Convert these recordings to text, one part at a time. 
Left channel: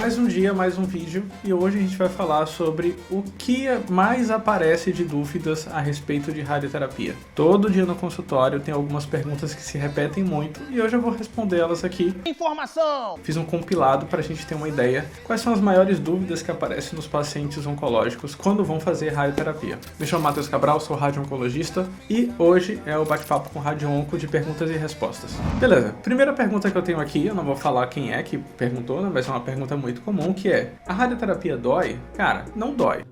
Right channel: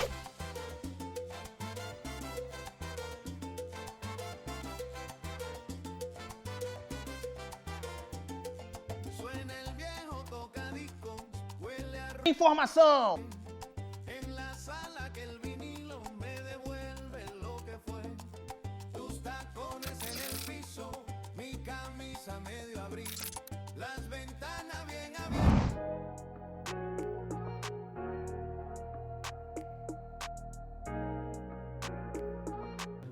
Mais um dia, mais um vídeo, e hoje a gente vai falar sobre o que mais aparece de dúvidas a respeito de radioterapia. Todo dia no consultório tem algumas perguntas que se repetem muito e hoje eu vou responder elas aqui. Informação! Fiz um compilado para a gente ter uma ideia quais são as maiores dúvidas que aparecem nos pacientes oncológicos quando vão fazer radioterapia. Me chamo Matheus Cabral, sou radio-oncologista e hoje é o bate-papo com Radio-Onco de perguntas e respostas. Beleza, primeira pergunta que eu tenho aqui, eu não vou falar quem é que perguntou, né? Vai ser uma pergunta muito comum, que é: a radioterapia dói? Cara, não dói.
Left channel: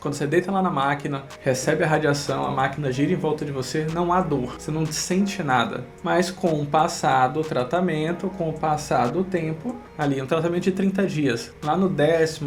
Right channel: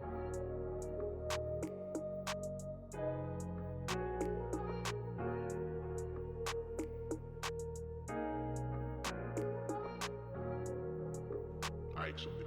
Quando você deita lá na máquina, recebe a radiação, a máquina gira em volta de você, não há dor, você não sente nada. Mas com o passar do tratamento, com o passar do tempo, ali um tratamento de 30 dias, lá no 10º,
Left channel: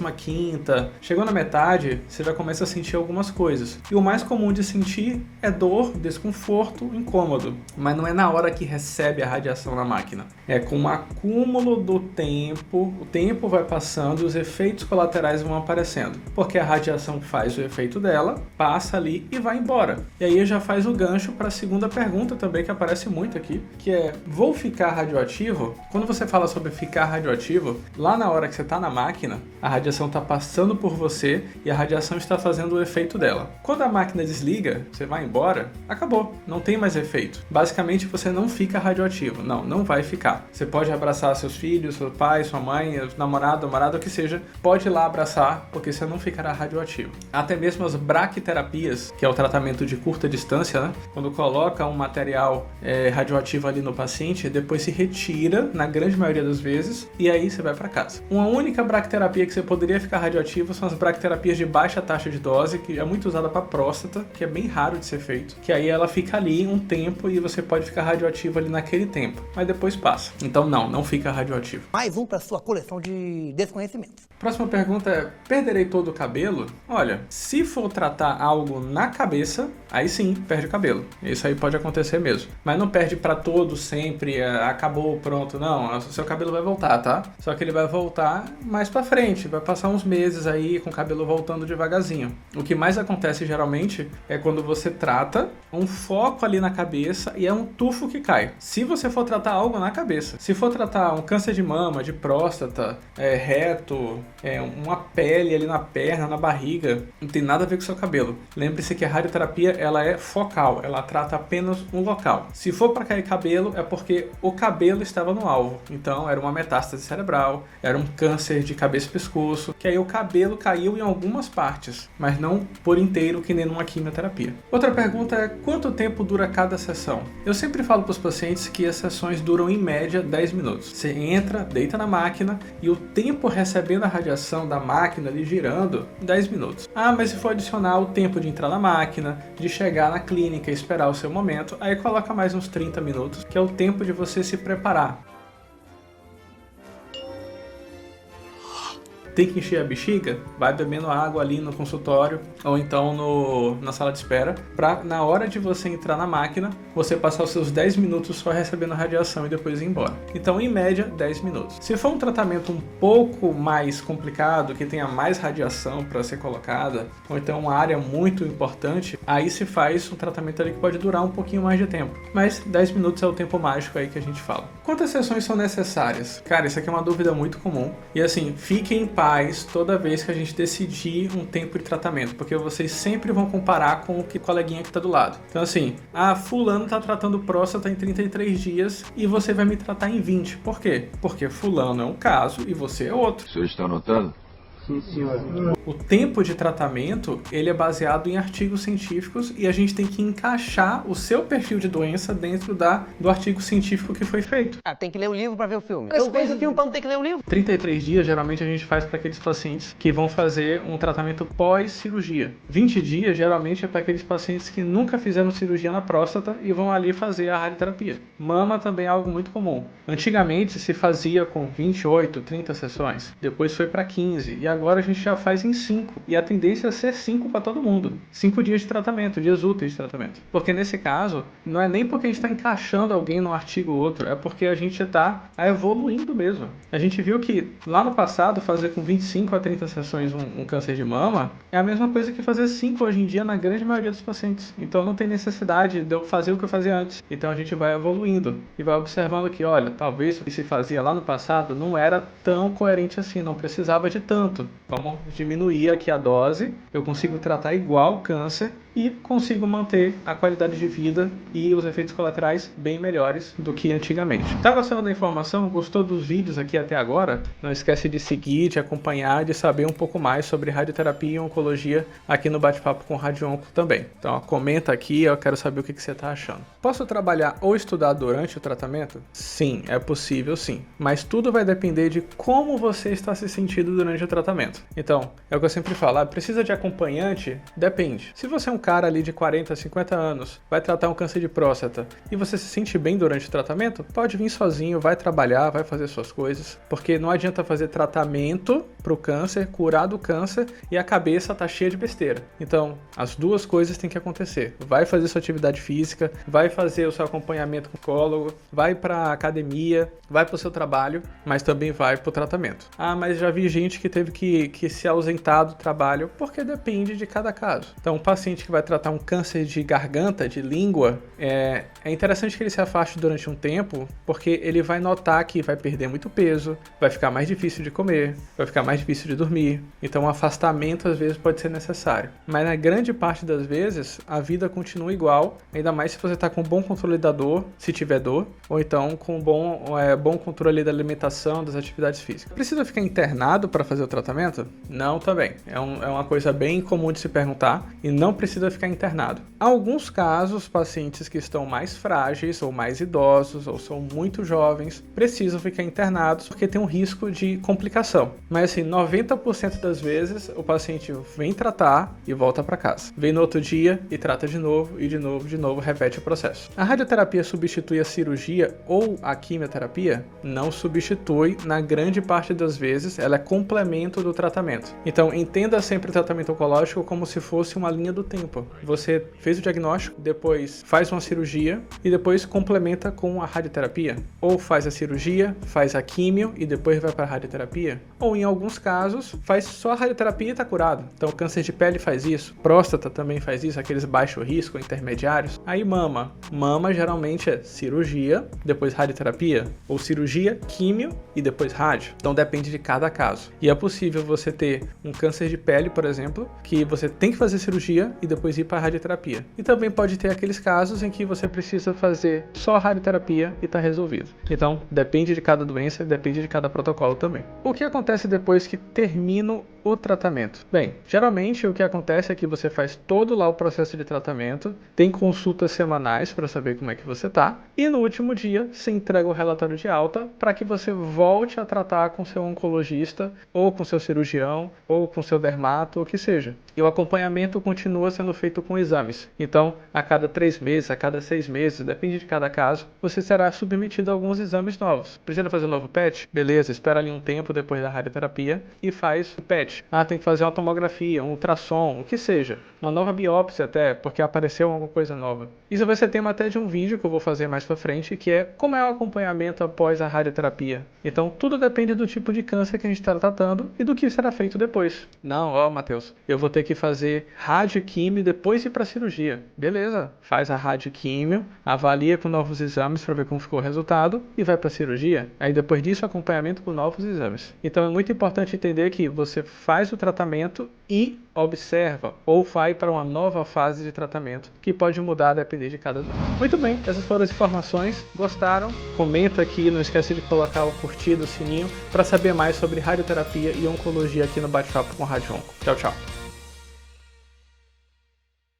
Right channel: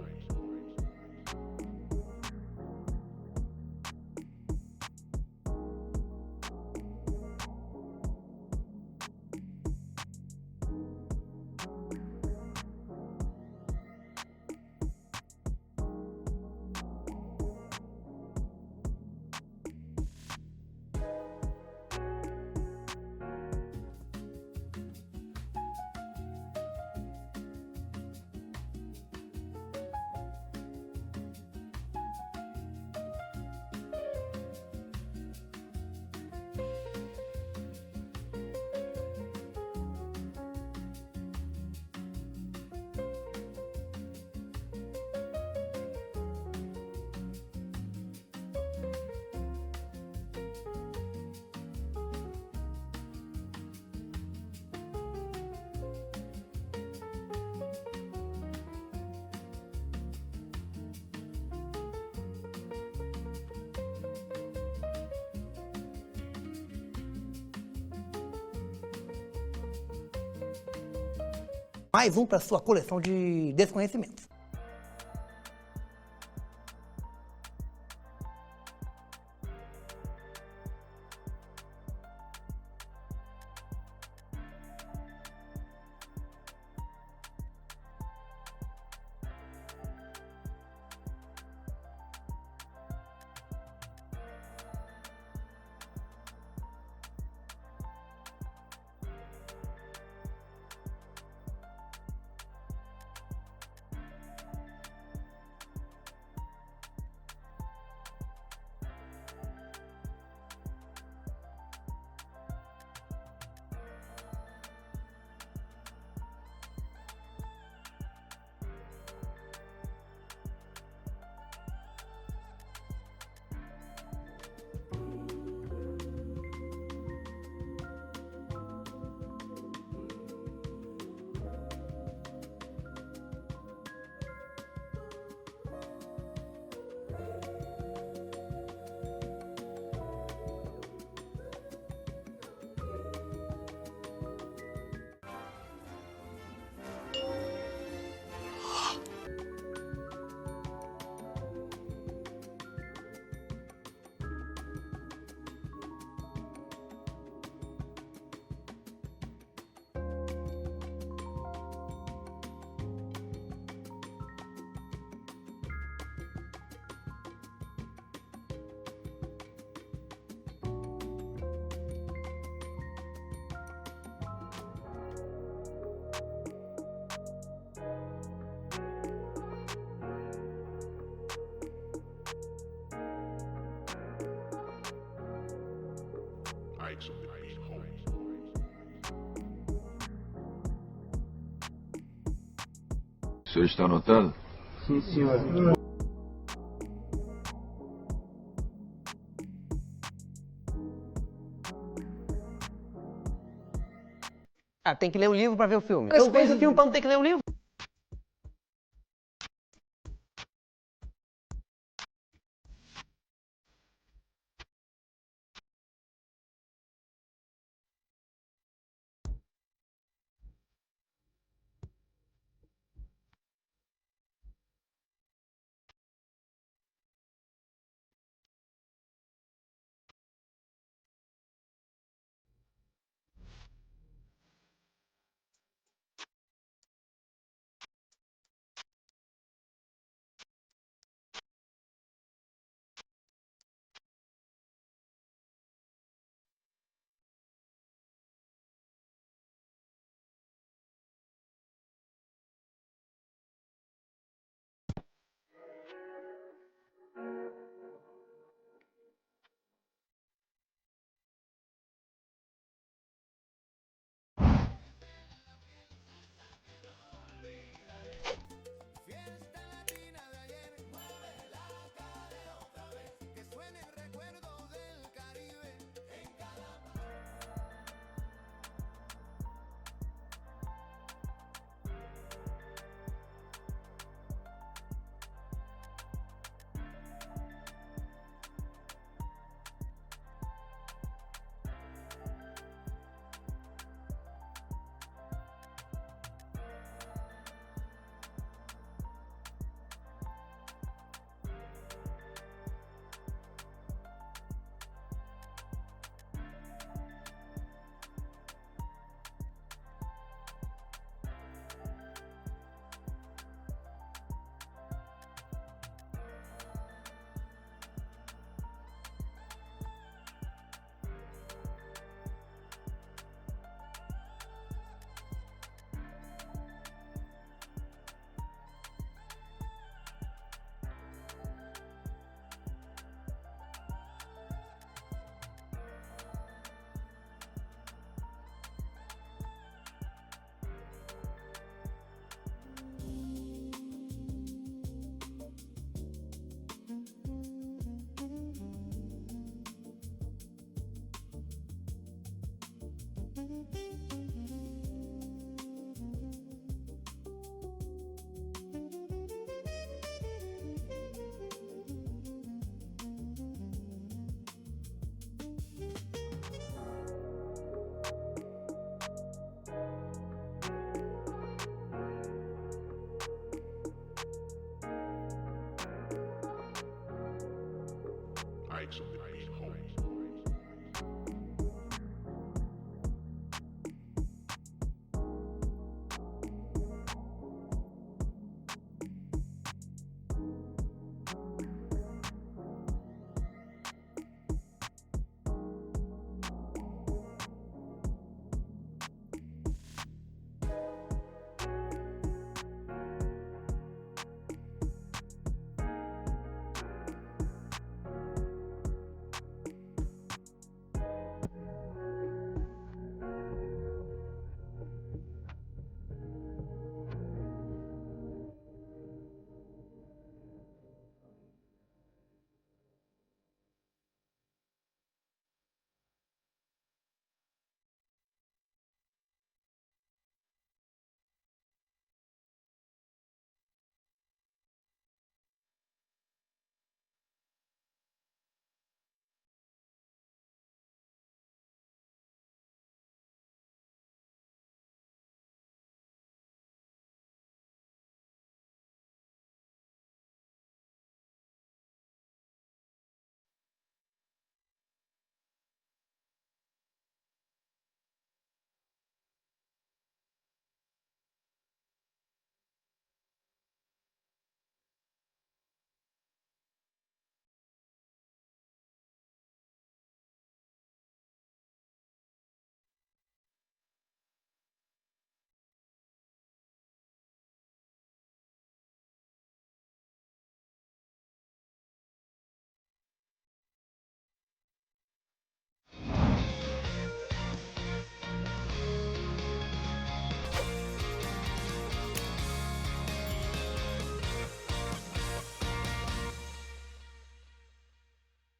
na 15ª, chegou na metade, você já começa a sentir algumas coisas. E o mais comum de sentir é dor, desconforto, incômodo. Mas não é na hora que recebe a radiação na máquina. É com o acúmulo do tempo, o tempo vai passando e os efeitos colaterais vão aparecendo. Porque a radiação faz o efeito dela, passa ali e vai embora. E aí já faz o gancho para a segunda pergunta também, que aparece muito aqui, que é: vou ficar radioativo? Quando você fala sobre ficar radioativo, lá na hora que você está na máquina, a radiação está passando por você e a radiação está fazendo o efeito dela. Quando a máquina desliga, você vai embora, acabou, não tem mais efeito. Basicamente você não fica radioativo, não vai ficar. Você pode abraçar seus filhos, seu pai, sua mãe, namorado, o que seja, pode ir lá abraçar, porque você não ficará radioativo. Até mesmo as braquiterapias, que é o tratamento de curta distância, né? Quando coloca um material radioativo ali no paciente, depois se retira, na grande maioria das vezes, e aí você vai para casa. Uma única braquiterapia que você poderia ficar radioativo são as braquiterapias de baixa taxa de dose, que é muito usada para próstata, que é bem raro de ser feito, que aí ela fica ali um tempo e você pode ficar radioativo ali naquele tempo, mas depois passa. Então não fica radioativo. Mais um para sua coleção de desconhecimentos. Próxima pergunta é: perderei todo o cabelo? Olha, se for tratar algo na cabeça, aí sim, perde o cabelo. Isso aí pode acontecer mesmo. Mas não perde para todo, sempre, acabou, pronto. Não, o seu cabelo vai voltar, tá? Só que ele vai voltar mais para frente, vai passar uns meses aí com o cabelo voltando devagarzinho. O que mais acontece geralmente é quando você trata um foco ali na cabeça e é um tufo que cai. Se você for tratar algo na cabeça, se for tratar um câncer de mama, de próstata, reto, uma pele ali na perna, na barriga, não tem nada a ver com o seu cabelo. Lembre-se que a radioterapia ela é focal, ela trata apenas um local. Se for para cair cabelo, é porque o cabelo estava no alvo. Então era uma metástase cerebral, era um câncer de cabeça e pescoço, que aí o cabelo caiu em algumas partes, mas não por inteiro, que nem numa quimioterapia. Outra pergunta é: quanto tempo dura cada sessão? Eu sempre falo para os pacientes que as sessões duram em média 10 minutos. Você entra, deita na máquina e o tempo recebendo a radiação da máquina ali girando, 10 minutos. Ah, mas se for adicionar o tempo de entrar na máquina, de chegar na clínica e esperar o seu momento, aí coloca mais uns 30 minutos, que é o tempo de você se preparar. Tem que encher a bexiga? Vai bebendo água ali no consultório ou então na sala de espera, para na hora de você entrar na máquina, você passar os seus 10 minutos só recebendo radiação e depois ir embora. Então, em média, 10 minutos. Se for um tratamento um pouco mais complicado, que tenha mais radiação para ser colocada, ou então uma área muito importante, aí se faz um tratamento ali que pode durar um pouquinho mais de tempo. Mas 10 minutos é o tempo mágico aí que a gente fala. Quantas sessões são necessárias? Cara, isso aqui é uma dúvida muito comum. E assim, fiquem em paz toda vez que a gente decidir um tempo de tratamento, porque vocês sempre vão comparar com o coleguinha que tá do lado. Então assim, fulano tá tratando próstata em 33 dias e você vai me tratar em 20. Por quê? Porque fulano é um caso e você é outro. O senhor está anotando? Sim, senhor. O tempo de tratamento, ele é baseado em artigos científicos e a gente tem que encaixar o seu perfil de doença dentro do artigo científico que foi feito. Tem que ler o livro para ver o filme. Eu vejo o filme para não ter que ler o livro. 33 dias, geralmente a gente faz para aqueles pacientes que vão fazer um tratamento pós-cirurgia. 20 dias, geralmente, é para aqueles pacientes que nunca fizeram cirurgia na próstata e vão ali fazer a radioterapia. Mama também é algo muito comum. Antigamente se fazia com 28, 30 sessões, depois foi para 15 e agora a gente já faz em 5. E a tendência é ser 5 para todo mundo. 5 dias de tratamento, dias úteis de tratamento. Porque nesse caso, não é nem porque a gente está encaixando alguém num artigo ou outro, é porque a gente está evoluindo mesmo. A gente viu que lá no passado, fazer com 25 a 30 sessões um câncer de mama é a mesma coisa que fazer 5 hoje em dia na grande maioria dos pacientes. Então não tem necessidade de eu fazer o que eu fazia antes. Então a gente vai evoluindo e vai observando que, olha, talvez o que se fazia lá no passado não era tão coerente assim, não precisava de tanto. Vamos diminuir aqui a dose, eu consigo tratar igual o câncer e consigo manter a qualidade de vida e os efeitos colaterais bem melhores do que antigamente. Tá gostando da informação? Gostou dos vídeos aqui até agora? Não esquece de seguir, de acompanhar, de saber um pouco mais sobre radioterapia e oncologia aqui no Bate-Papo com Rádio Onco também. Então, ó, comenta aqui, eu quero saber o que você está achando. Posso trabalhar ou estudar durante o tratamento? Sim, é possível sim. Mas tudo vai depender de como você está se sentindo durante o tratamento. Então, é o que eu sempre falo, precisa de acompanhante? Depende. Se você é um cara ali de 40, 50 anos, vai tratar um câncer de próstata e você se sente bem durante o tratamento, pode vir sozinho, vai trabalhar, vai fazer suas coisas, porque não adianta fazer tratamento para o câncer, curar do câncer e a cabeça tá cheia de besteira. Então, as duas coisas têm que acontecer. Vai fazer sua atividade física, vai fazer o seu acompanhamento com o oncólogo, vai para a academia, vai para o seu trabalho, mas também vai para o tratamento. Ah, mas já vi gente que teve que se ausentar do trabalho, porque depende de cada caso. Então, um paciente que vai tratar um câncer de garganta, de língua, é interessante que ele se afaste durante um tempo, porque ele vai notar que vai perder muito peso, vai ficar mais difícil de comer, vai ficar mais difícil de dormir. Então, um afastamento às vezes pode ser necessário. Mas na grande parte das vezes, a vida continua igual, ainda mais se você está com bom controle da dor, se tiver dor, ou então com bom controle da alimentação, das atividades físicas. Precisa ficar internado para fazer o tratamento? Não, também. É uma coisa bem comum de se perguntar e não precisa ficar internado. Há alguns casos, pacientes que estão mais frágeis ou mais idosos ou são muito jovens, precisam ficar internados porque tem um risco de complicação. Mas assim, 90% das vezes o paciente vem tratar e volta para casa. Vem no outro dia e trata de novo e de novo, repete o processo. A radioterapia substitui a cirurgia ou a quimioterapia? Não substitui, na grande parte das vezes, ela é complemento do tratamento. Então, entenda sempre o tratamento oncológico como se fosse uma linha do tempo. Você fez o diagnóstico, depois faz uma cirurgia e depois complementa com a radioterapia. Ou faz a cirurgia, faz a quimio e depois vai para a radioterapia. Ou em alguns casos, faz só a radioterapia e está curado. Então, câncer de pele faz isso, próstata também faz isso, aqueles baixo risco, intermediários. Aí mama geralmente é cirurgia, depois radioterapia, ou cirurgia, químio e depois rádio. Então depende de cada caso. E é possível você ter um câncer de pele, por exemplo, que você tem que fazer cirurgia e depois ir para a radioterapia. E também pode ter aqueles casos em que você precisa fazer só a radioterapia e está resolvido. Então depende de cada doença, depende de cada protocolo também. O que acontece depois que termina o tratamento? Bem, geralmente o que acontece é que você faz todo lá o processo de tratamento, tem consultas semanais para saber como é que você tá, e no último dia você entrega o relatório de alta para que você volte a tratar com seu oncologista, ou com seu cirurgião, ou com seu dermato, ou o que seja. E o acompanhamento continua sendo feito com exames. Então, a cada 3 meses, a cada 6 meses, depende de cada caso, você será submetido a alguns exames novos. Precisa fazer um novo PET? Beleza, espera ali um tempo depois da radioterapia e faz o PET. Ah, tem que fazer uma tomografia, um ultrassom, o que seja. Uma nova biópsia até, porque apareceu alguma coisa nova. Isso vai ser tema até de um vídeo que eu vou fazer mais pra frente, que é como é o acompanhamento após a radioterapia. Então, tudo depende do tipo de câncer que a gente está tratando e do que será feito depois. Não, ó, Matheus, eu vou ter que fazer radioquímio e depois ir para cirurgia. Beleza, faz a radioquímio, avalia com novos exames para ver como ficou o resultado e vai para cirurgia. Aí depois disso, acompanhamento com novos exames. Então, é muito importante entender que você faz o tratamento e observa ou vai para uma nova fase de tratamento que pode mudar a depender de cada doença. Muito bem, essas foram as informações. Gostaram? Comenta aqui, não esquece de colocar o curtir, o sininho para saber mais sobre radioterapia e oncologia aqui no Bate-Papo com Rádio Onco. Tchau, tchau.